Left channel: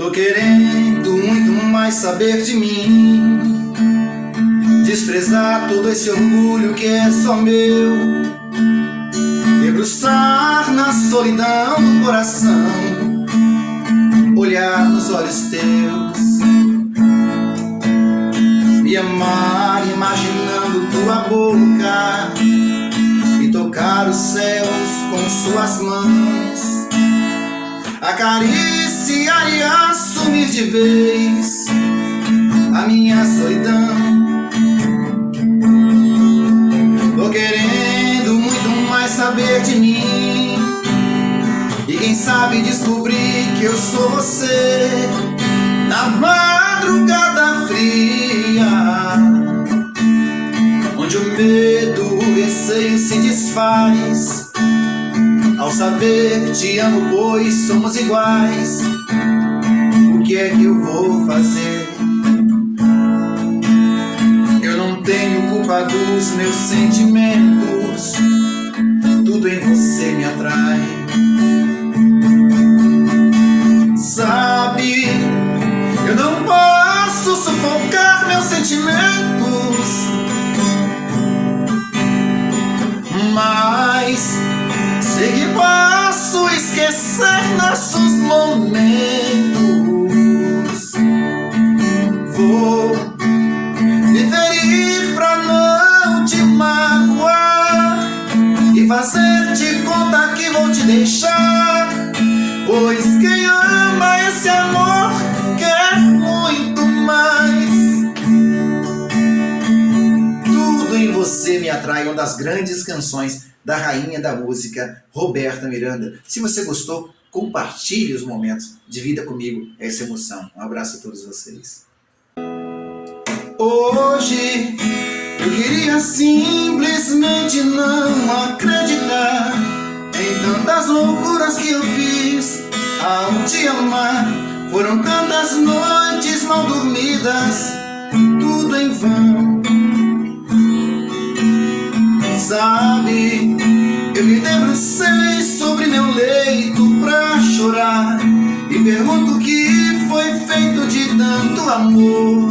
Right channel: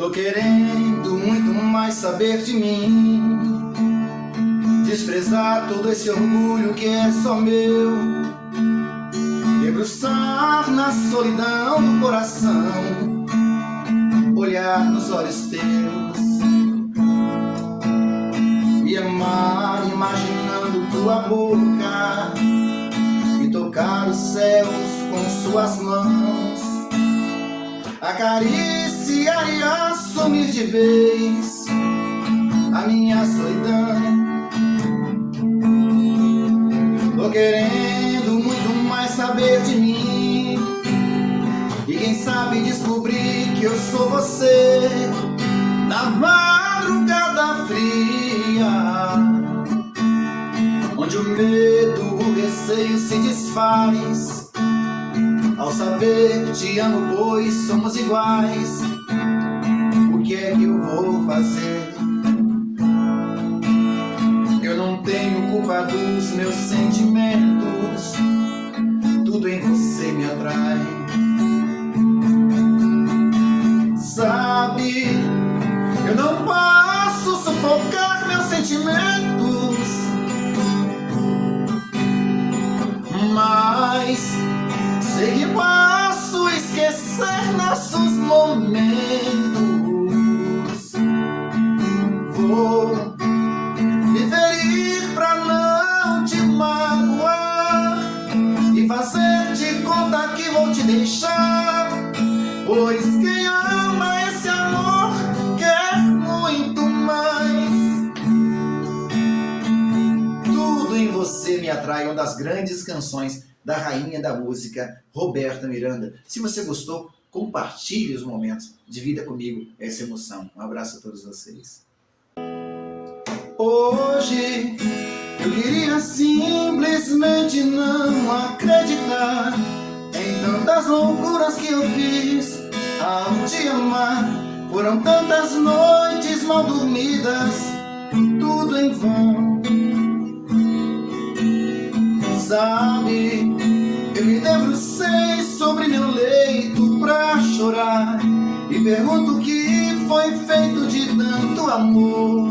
Tô querendo muito mais saber de mim, desprezar todo esse orgulho que é só meu, debruçar na solidão do coração, olhar nos olhos teus, me amar imaginando tua boca e tocar os céus com suas mãos, acariciar e assumir de vez a minha solidão. Tô querendo muito mais saber de mim e quem sabe descobrir que eu sou você na madrugada fria, onde o medo, o receio se desfaz ao saber que te amo, pois somos iguais. O que é que eu vou fazer? Eu não tenho culpa dos meus sentimentos, tudo em você me atrai. Sabe, eu não posso sufocar meus sentimentos, mas sei que posso esquecer nossos momentos. Vou me ferir pra não te magoar e fazer de conta que vou te deixar, pois quem ama esse amor quer muito mais. Tudo em você me atrai, uma das grandes canções da rainha da música, Roberta Miranda. Se você gostou, compartilhe os momentos, divida comigo essa emoção. Um abraço a todos vocês. Hoje eu queria simplesmente não acreditar em tantas loucuras que eu fiz ao te amar. Foram tantas noites mal dormidas, tudo em vão. Sabe, eu me debrucei sobre meu leito pra chorar e pergunto o que foi feito de tanto amor.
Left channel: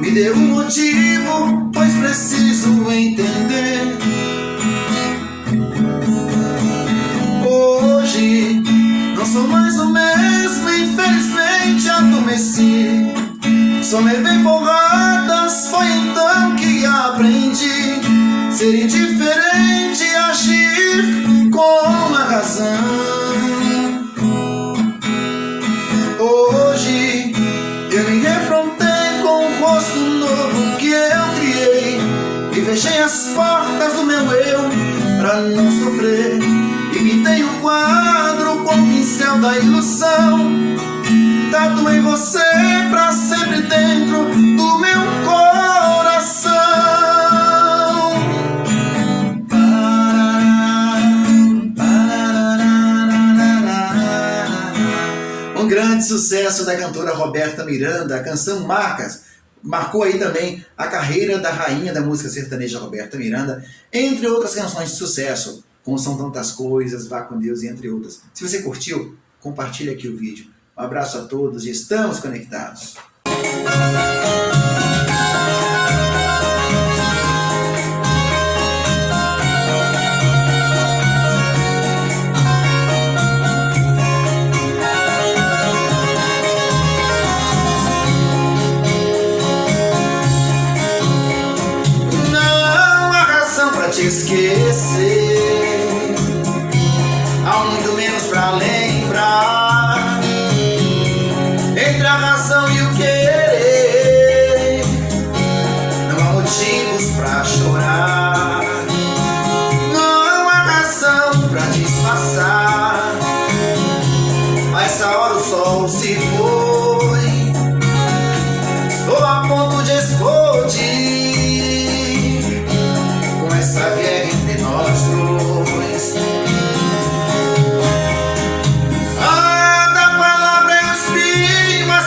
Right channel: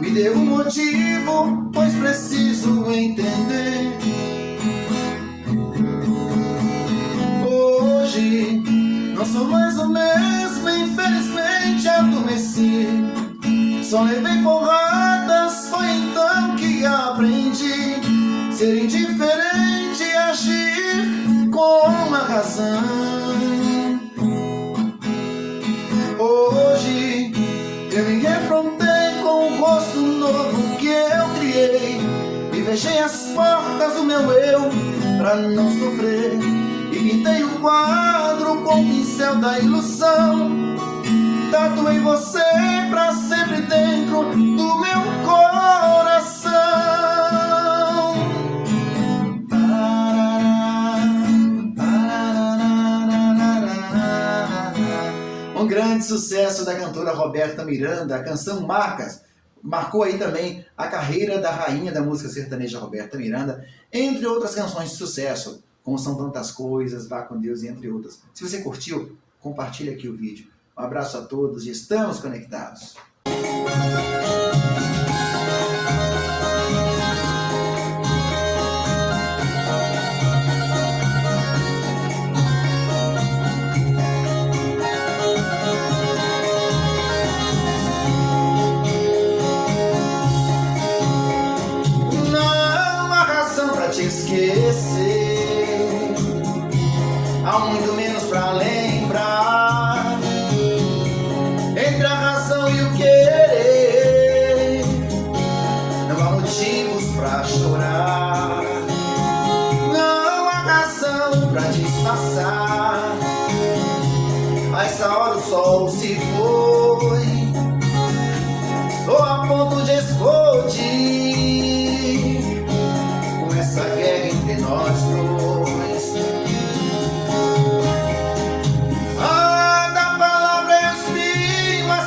Me dê um motivo, pois preciso entender. Hoje não sou mais o mesmo, infelizmente adormeci. Só levei porradas, foi então que aprendi ser indiferente, agir com a razão. Hoje eu me defrontei com o rosto novo que eu criei e fechei as portas do meu eu pra não sofrer, e pintei um quadro com o pincel da ilusão. Tatuei você pra sempre dentro do meu coração. Um grande sucesso da cantora Roberta Miranda, a canção Marcas, marcou aí também a carreira da rainha da música sertaneja Roberta Miranda, entre outras canções de sucesso, como São Tantas Coisas, Vá com Deus e entre outras. Se você curtiu, compartilhe aqui o vídeo. Um abraço a todos e estamos conectados. Não há razão pra te esquecer, há muito menos pra lembrar. Entre a razão e o querer, não há motivos pra chorar. Não há razão pra disfarçar, a essa hora o sol se foi. Estou a ponto de explodir com essa guerra entre nós dois.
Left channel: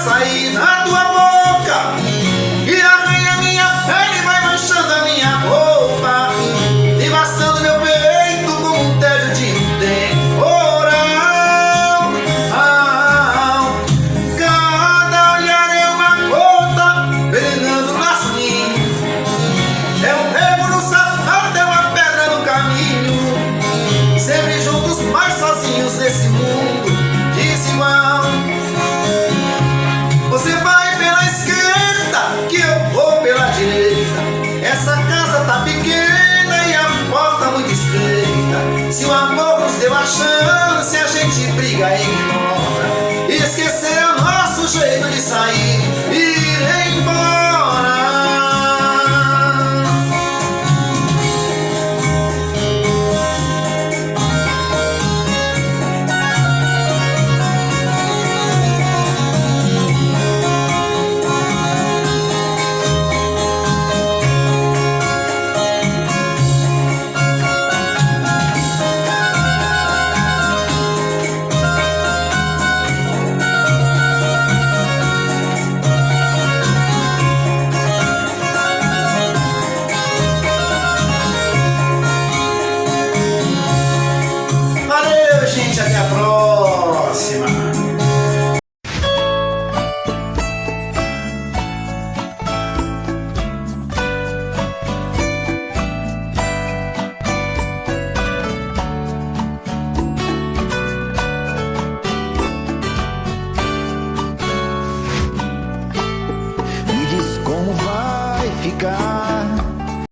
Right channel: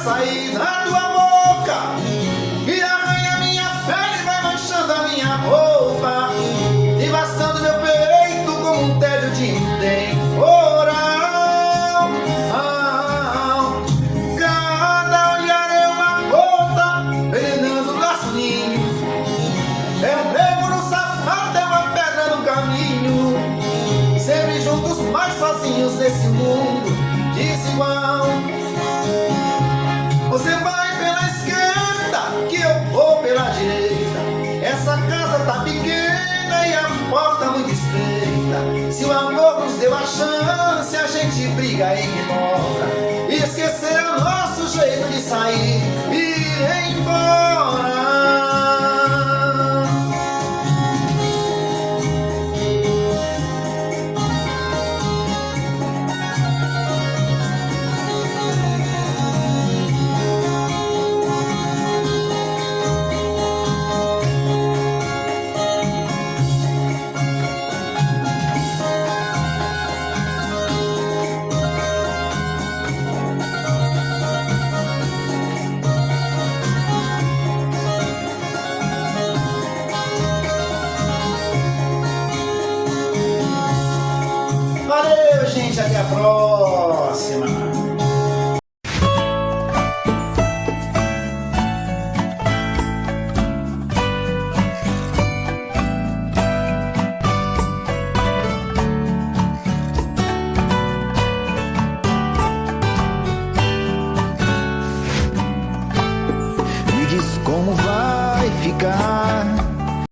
Sair da tua boca e arranha minha pele, vai manchando a minha roupa, devastando meu peito como um tédio de temporal. como vai ficar?